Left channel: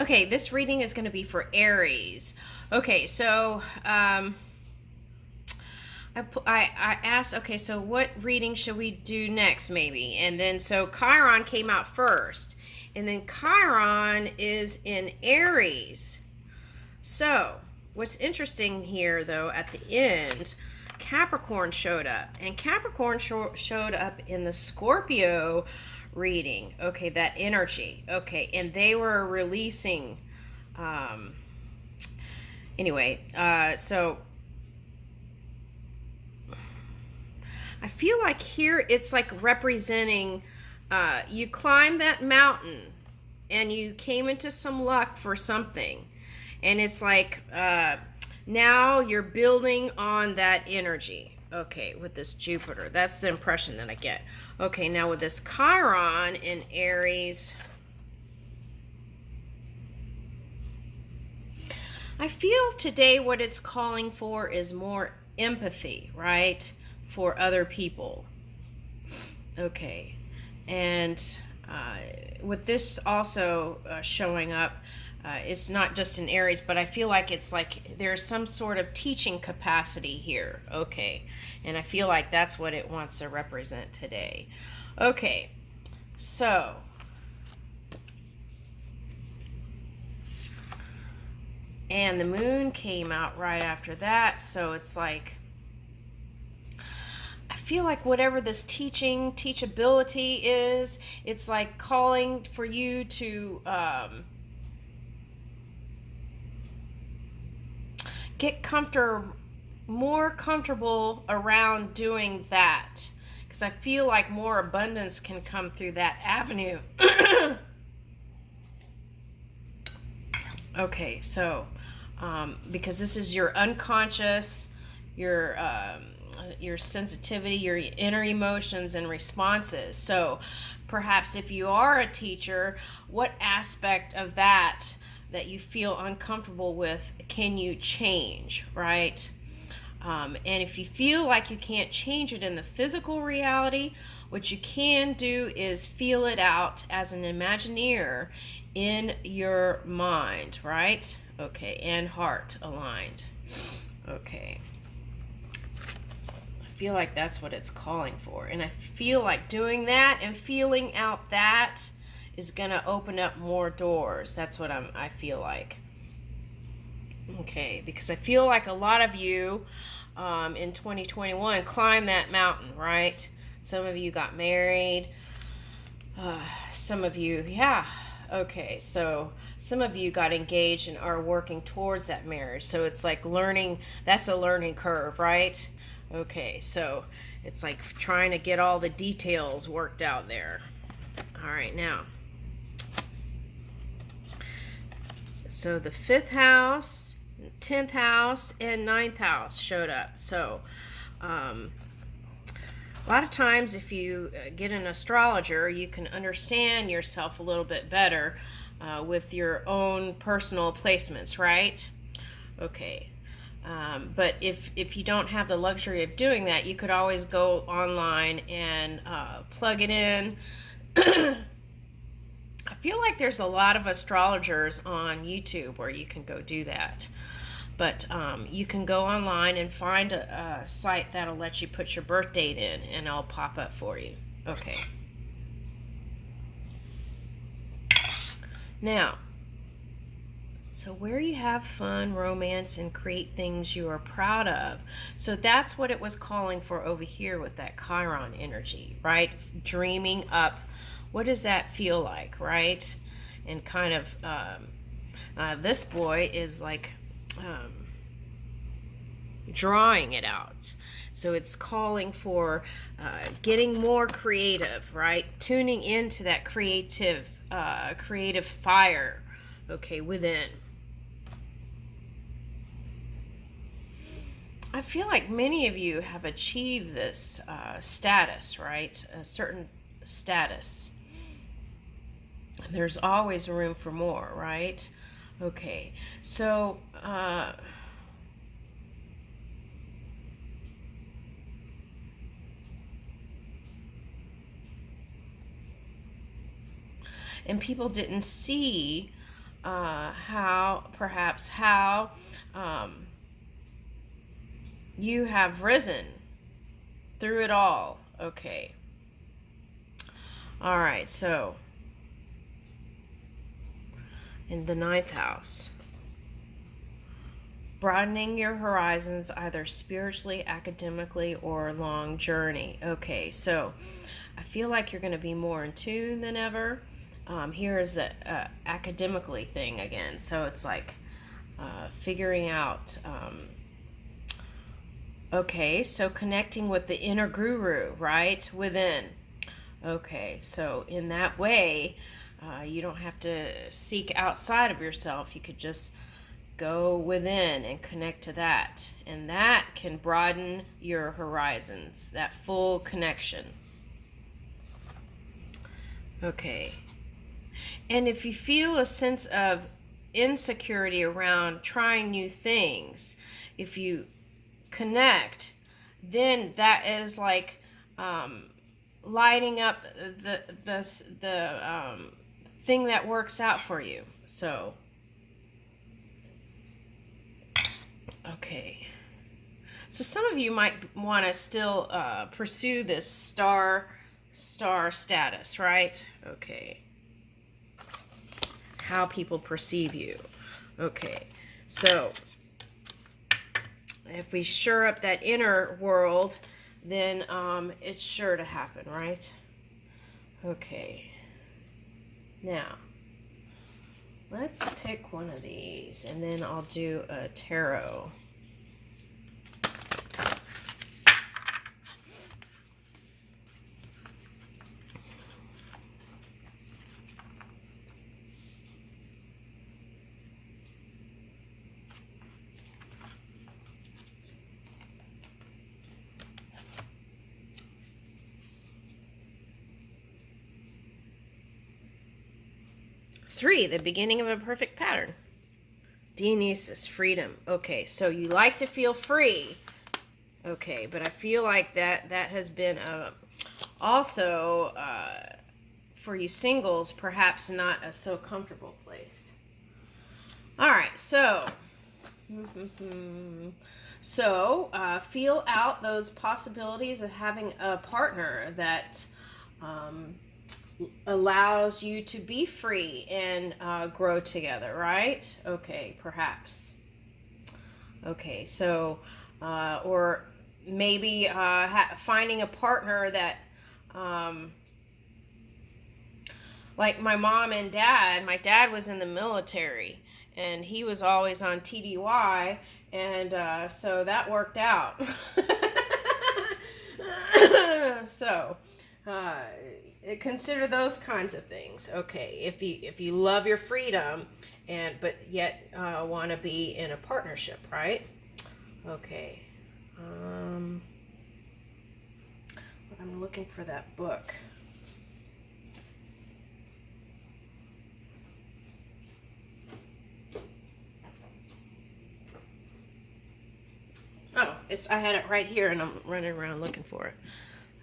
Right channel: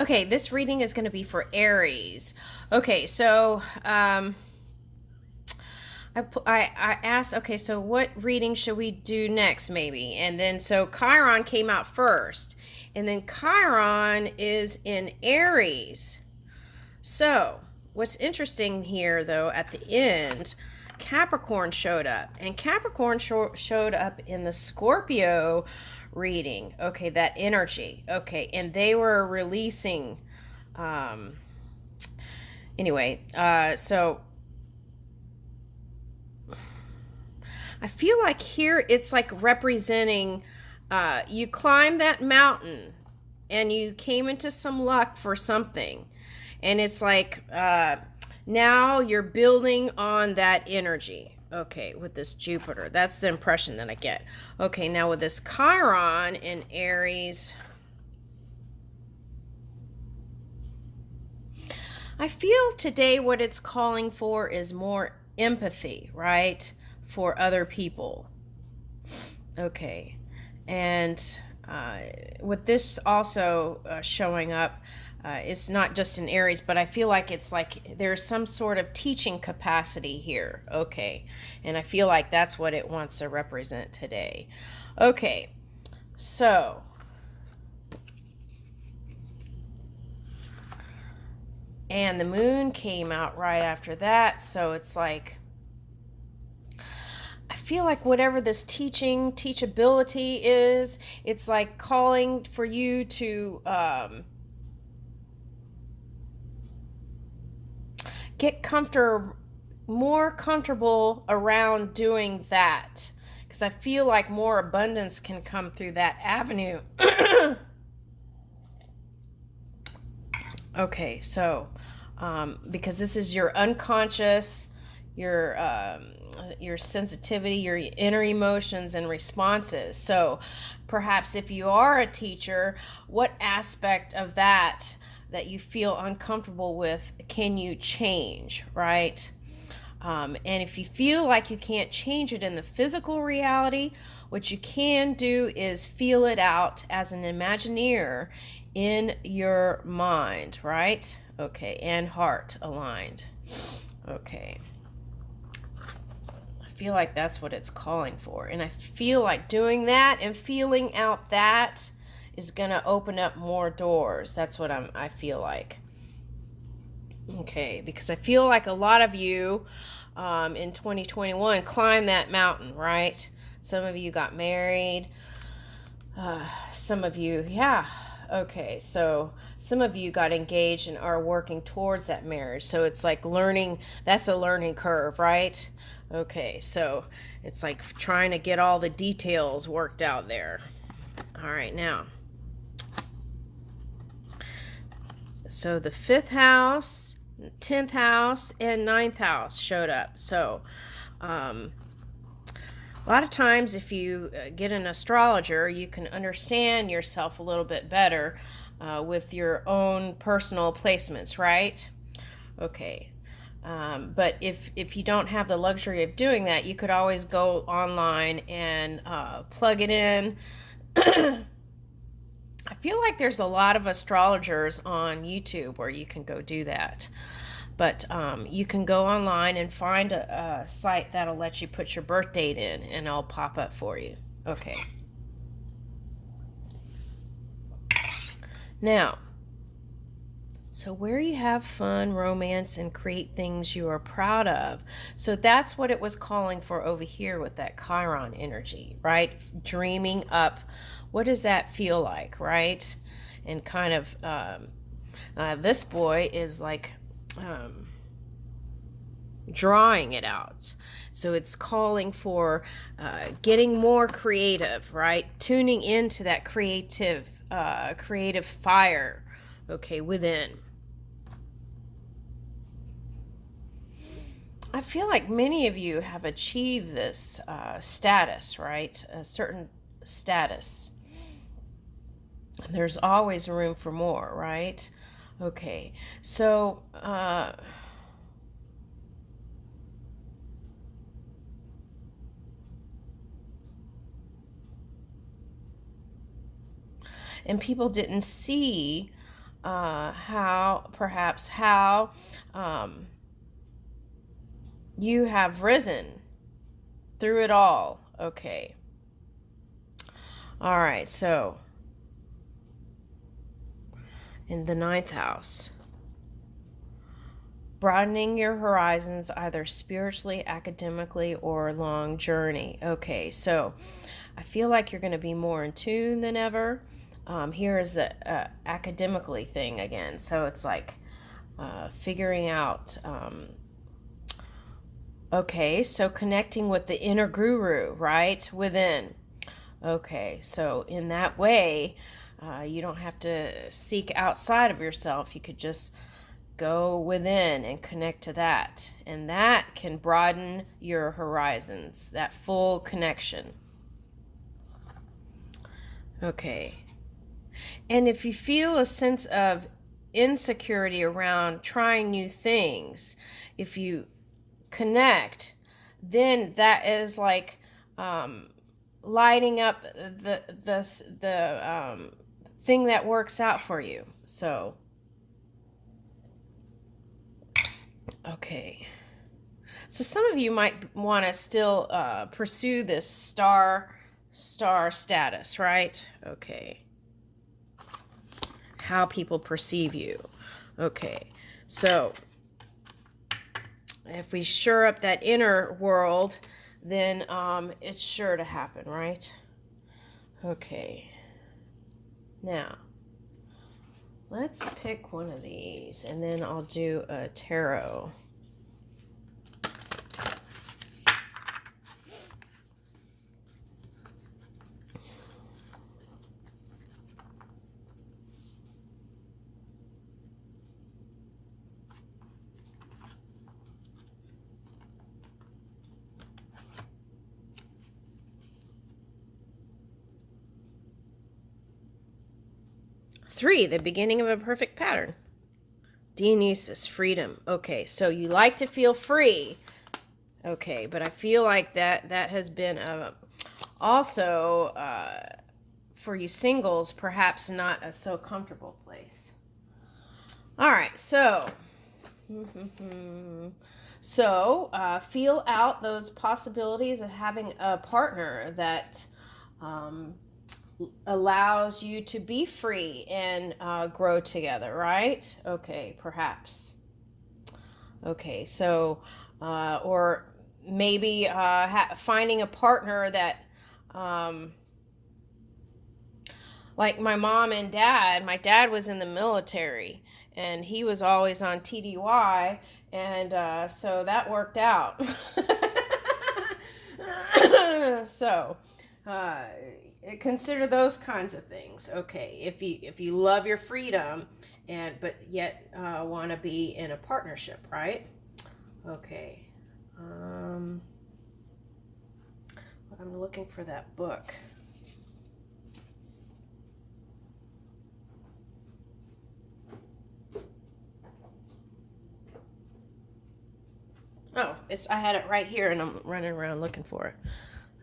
Okay, this reading is going to be for Aries. Okay, so I asked, okay, so what reading should we do next, maybe? And then so Chiron came out first, and then Chiron is in Aries. So what's interesting here, though, at the end, Capricorn showed up, and Capricorn showed up in the Scorpio reading. Okay, that energy. Okay, and they were releasing. Um, so I feel like here it's like representing you climbed that mountain and you came into some luck for something. And it's like now you're building on that energy. Okay, with this Jupiter. That's the impression that I get. Okay, now with this Chiron in Aries, I feel today what it's calling for is more empathy, right? For other people. Okay. And with this also showing up, it's not just in Aries, but I feel like it's like there's some sort of teaching capacity here. Okay. And I feel like that's what it wants to represent today. Okay. So and the moon came out right after that, so it's like I feel like whatever this teachability is, it's like calling for you to get more comfortable around doing that, because I feel like more abundance can come through that avenue. Okay, so because this is your unconscious, your sensitivity, your inner emotions and responses. So perhaps if you are a teacher, what aspect of that you feel uncomfortable with can you change, right? And if you feel like you can't change it in the physical reality, what you can do is feel it out as an Imagineer in your mind, right? Okay, and heart aligned. Okay. I feel like that's what it's calling for. And I feel like doing that and feeling out that is going to open up more doors. That's what I feel like. Okay, because I feel like a lot of you in 2021 climbed that mountain, right? Some of you got married. Some of you, yeah. Okay, so some of you got engaged and are working towards that marriage. So it's like learning, that's a learning curve, right? Okay, so it's like trying to get all the details worked out there. All right, now. So the fifth house, 10th house, and ninth house showed up. So a lot of times if you get an astrologer, you can understand yourself a little bit better with your own personal placements, right? Okay. But if you don't have the luxury of doing that, you could always go online and plug it in. I feel like there's a lot of astrologers on YouTube where you can go do that. But you can go online and find a site that'll let you put your birth date in, and it'll pop up for you. Okay. Now, so where you have fun, romance, and create things you are proud of. So that's what it was calling for over here with that Chiron energy, right? Dreaming up. What does that feel like, right? And kind of this boy is like drawing it out. So it's calling for getting more creative, right? Tuning into that creative fire, okay, within. I feel like many of you have achieved this status, right? A certain status. There's always room for more, right? Okay, so and people didn't see how you have risen through it all. Okay. All right, so in the ninth house, broadening your horizons either spiritually, academically, or long journey. Okay, so I feel like you're going to be more in tune than ever. Here is the academically thing again. So it's like figuring out. Okay, so connecting with the inner guru, right? Within. Okay, so in that way, you don't have to seek outside of yourself. You could just go within and connect to that. And that can broaden your horizons, that full connection. Okay. And if you feel a sense of insecurity around trying new things, if you connect, then that is like lighting up the thing that works out for you. So, okay. So some of you might want to still pursue this star status, right? Okay. How people perceive you. Okay. So if we shore up that inner world, then it's sure to happen, right? Okay. Now, let's pick one of these, and then I'll do a tarot. Three, the beginning of a perfect pattern. Dionysus, freedom. Okay, so you like to feel free. Okay, but I feel like that has been also for you singles, perhaps not a so comfortable place. All right, so feel out those possibilities of having a partner that allows you to be free and grow together, right? Okay, perhaps. Okay, so, or maybe finding a partner that, like my mom and dad, my dad was in the military and he was always on TDY, and so that worked out. So, consider those kinds of things. Okay, if you love your freedom, but yet want to be in a partnership, right? Okay. I'm looking for that book. Oh, I had it right here and I'm running around looking for it.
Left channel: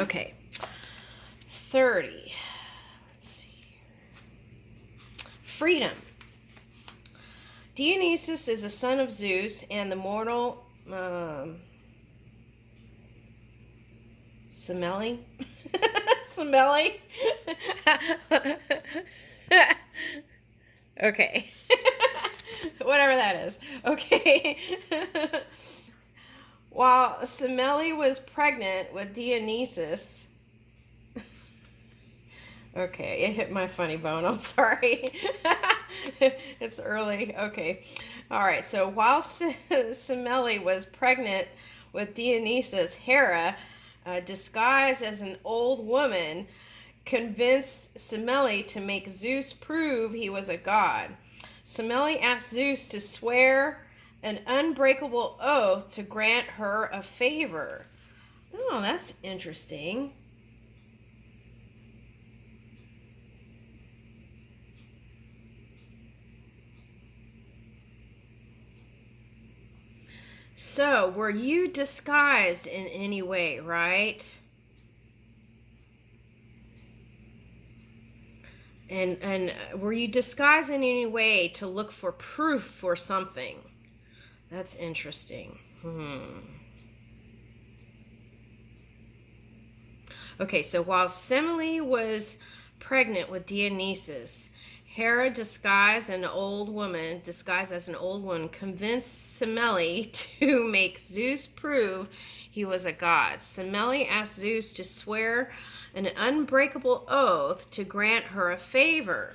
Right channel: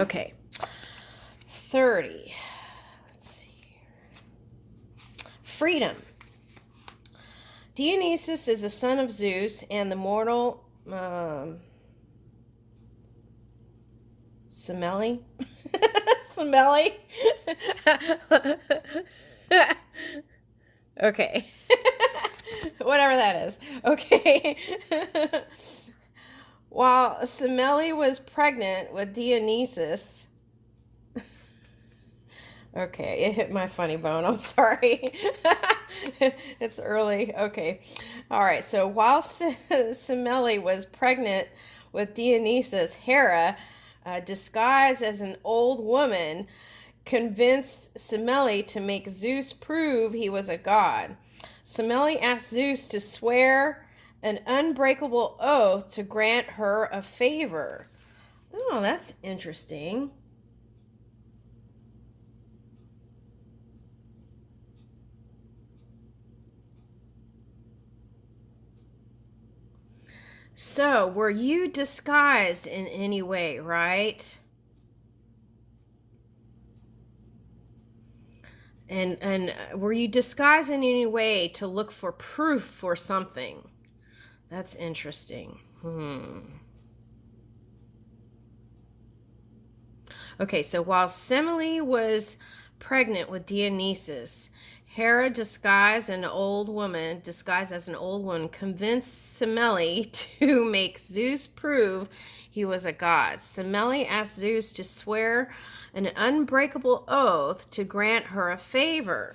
Okay. 30. Let's see here. Freedom. Dionysus is the son of Zeus and the mortal Semele. Semele. Okay. Whatever that is. Okay. While Semele was pregnant with Dionysus. Okay, it hit my funny bone. I'm sorry. It's early. Okay. All right. So while Semele was pregnant with Dionysus, Hera, disguised as an old woman, convinced Semele to make Zeus prove he was a god. Semele asked Zeus to swear an unbreakable oath to grant her a favor. Oh, that's interesting. So, were you disguised in any way, right? And were you disguised in any way to look for proof for something? That's interesting. Okay, so while Semele was pregnant with Dionysus, Hera, disguised as an old woman, convinced Semele to make Zeus prove he was a god. Semele asked Zeus to swear an unbreakable oath to grant her a favor.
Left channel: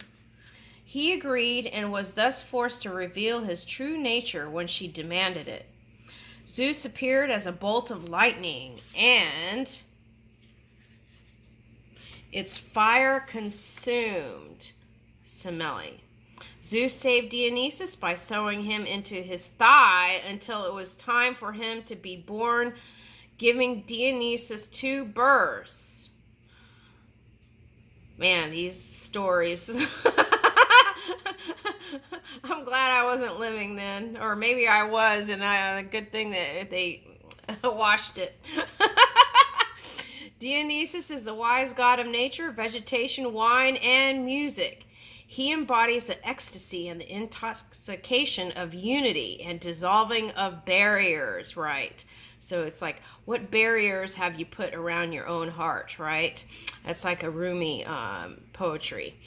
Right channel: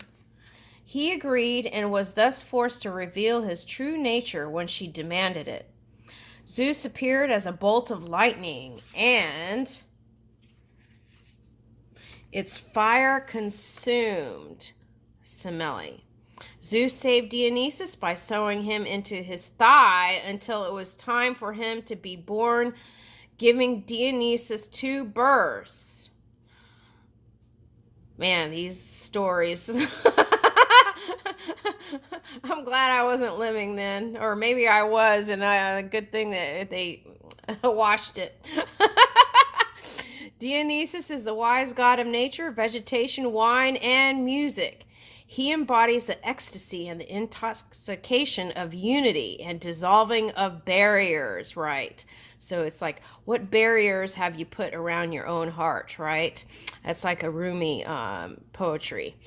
He agreed and was thus forced to reveal his true nature when she demanded it. Zeus appeared as a bolt of lightning, and its fire consumed Semele. Zeus saved Dionysus by sewing him into his thigh until it was time for him to be born, giving Dionysus 2 births. Man, these stories. I'm glad I wasn't living then. Or maybe I was, and a good thing that they washed it. Dionysus is the wise god of nature, vegetation, wine, and music. He embodies the ecstasy and the intoxication of unity and dissolving of barriers, right? So it's like, what barriers have you put around your own heart, right? That's like a Rumi poetry.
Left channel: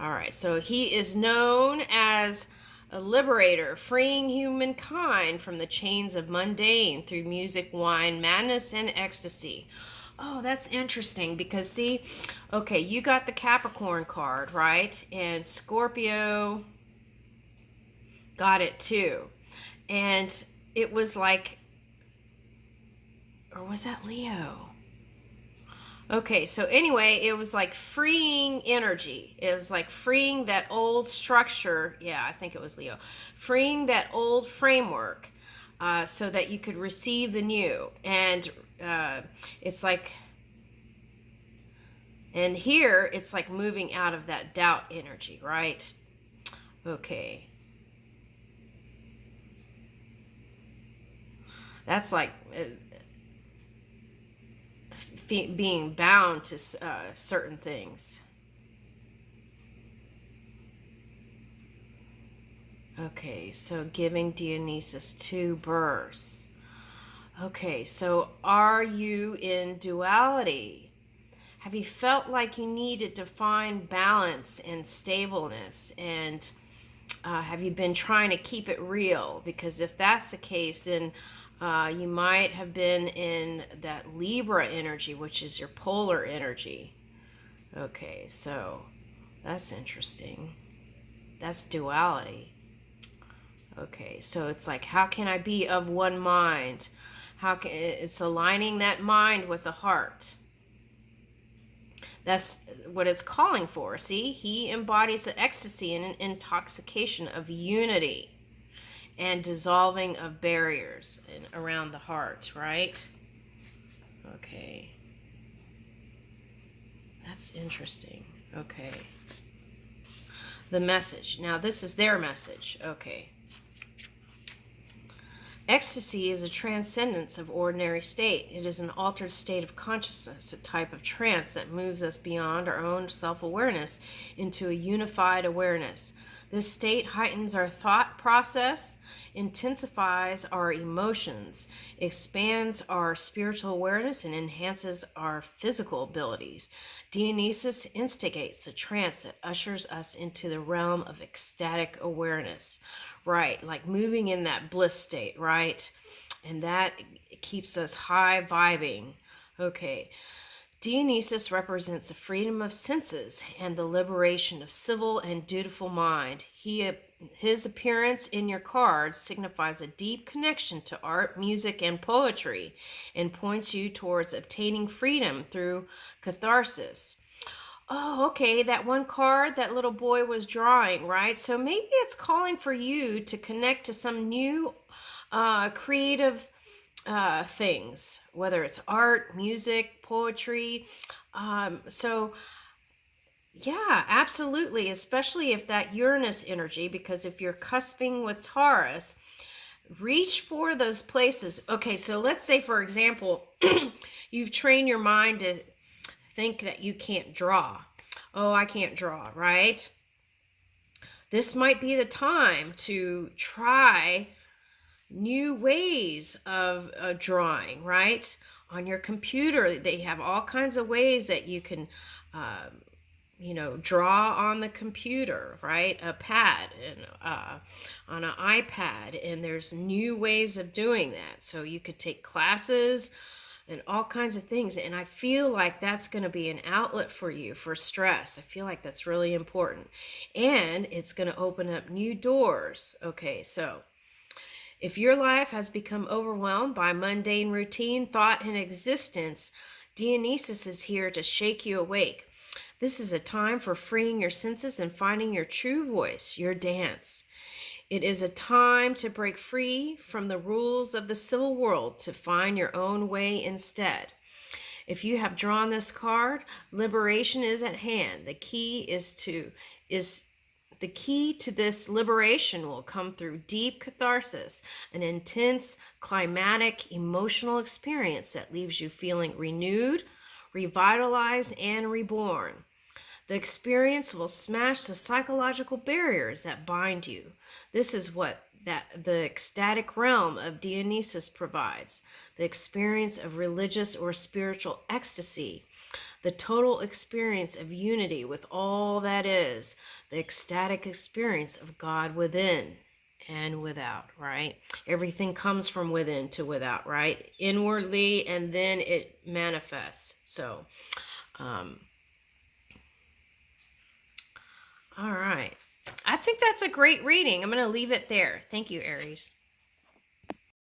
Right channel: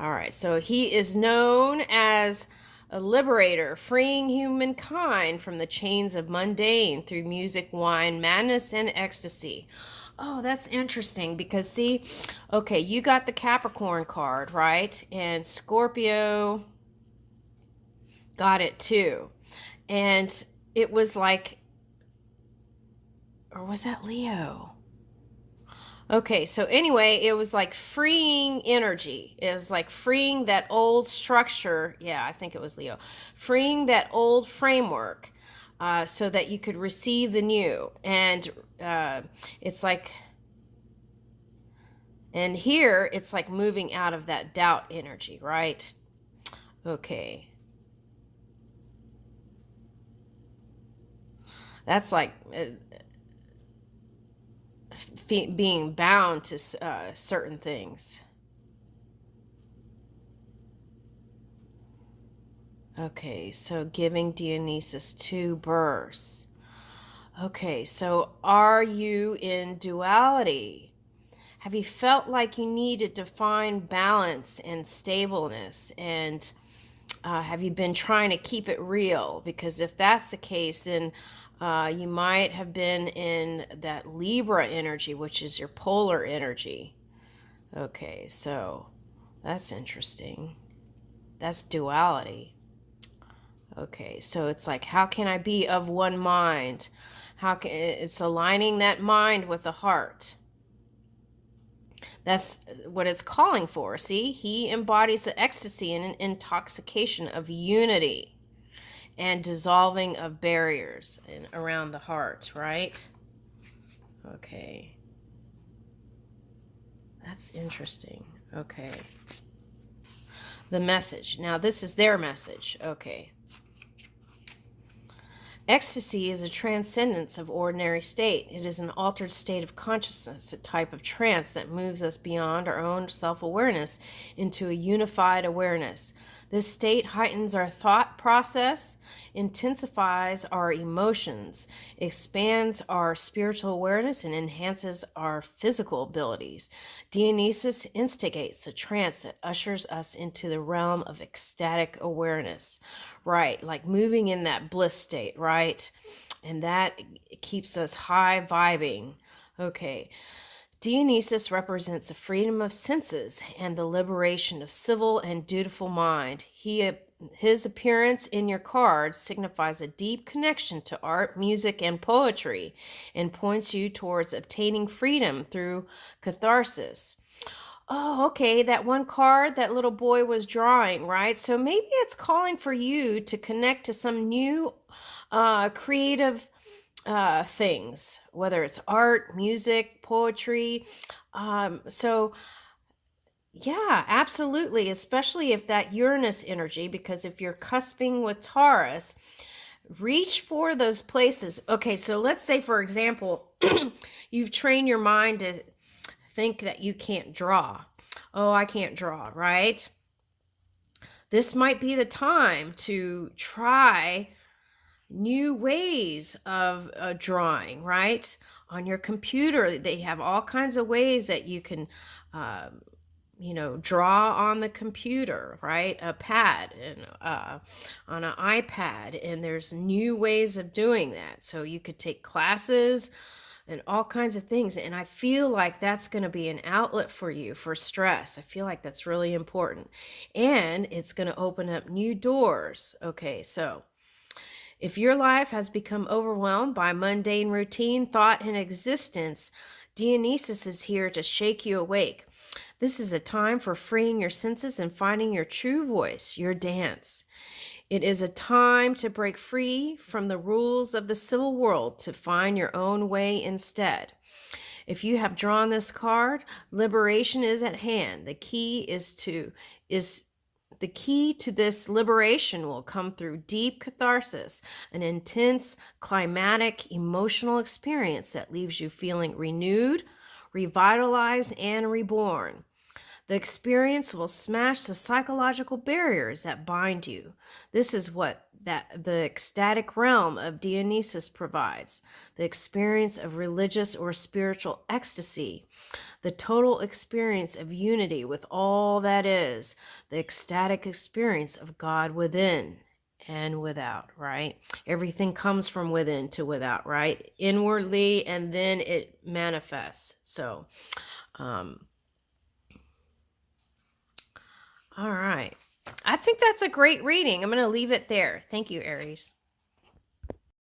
All right, so he is known as a liberator, freeing humankind from the chains of mundane through music, wine, madness, and ecstasy. Oh, that's interesting because see, okay, you got the Capricorn card, right? And Scorpio got it too. And it was like, or was that Leo? Okay, so anyway, it was like freeing energy. It was like freeing that old structure. Yeah, I think it was Leo. Freeing that old framework so that you could receive the new. And it's like, and here it's like moving out of that doubt energy, right? Okay. That's like being bound to certain things. Okay, so giving Dionysus 2 births. Okay, so are you in duality? Have you felt like you needed to find balance and stableness? And have you been trying to keep it real? Because if that's the case, then you might have been in that Libra energy, which is your polar energy. Okay, so that's interesting. That's duality. Okay, so it's like, how can I be of one mind? It's aligning that mind with the heart. That's what it's calling for. See, he embodies the ecstasy and an intoxication of unity and dissolving of barriers around the heart, right? Okay. That's interesting. Okay. The message. Now, this is their message. Okay. Ecstasy is a transcendence of ordinary state. It is an altered state of consciousness, a type of trance that moves us beyond our own self-awareness into a unified awareness. This state heightens our thought process, intensifies our emotions, expands our spiritual awareness, and enhances our physical abilities. Dionysus instigates a trance that ushers us into the realm of ecstatic awareness. Right, like moving in that bliss state, right? And that keeps us high vibing. Okay. Dionysus represents the freedom of senses and the liberation of civil and dutiful mind. His appearance in your cards signifies a deep connection to art, music, and poetry, and points you towards obtaining freedom through catharsis. Oh, okay, that one card that little boy was drawing, right? So maybe it's calling for you to connect to some new creative things, whether it's art, music, poetry. So yeah, absolutely, especially if that Uranus energy, because if you're cusping with Taurus, reach for those places. Okay, so let's say, for example, you've trained your mind to think that you can't draw. oh, I can't draw, right? This might be the time to try new ways of drawing, right? On your computer, they have all kinds of ways that you can, draw on the computer, right? A pad and on an iPad, and there's new ways of doing that. So you could take classes and all kinds of things. And I feel like that's going to be an outlet for you for stress. I feel like that's really important. And it's going to open up new doors. Okay, so if your life has become overwhelmed by mundane routine, thought, and existence, Dionysus is here to shake you awake. This is a time for freeing your senses and finding your true voice, your dance. It is a time to break free from the rules of the civil world to find your own way instead. If you have drawn this card, liberation is at hand. The key to this liberation will come through deep catharsis, an intense, climatic, emotional experience that leaves you feeling renewed, revitalized, and reborn. The experience will smash the psychological barriers that bind you. This is what the ecstatic realm of Dionysus provides, the experience of religious or spiritual ecstasy, the total experience of unity with all that is, the ecstatic experience of God within and without, right? Everything comes from within to without, right? Inwardly, and then it manifests. So, all right. I think that's a great reading. I'm going to leave it there. Thank you, Aries.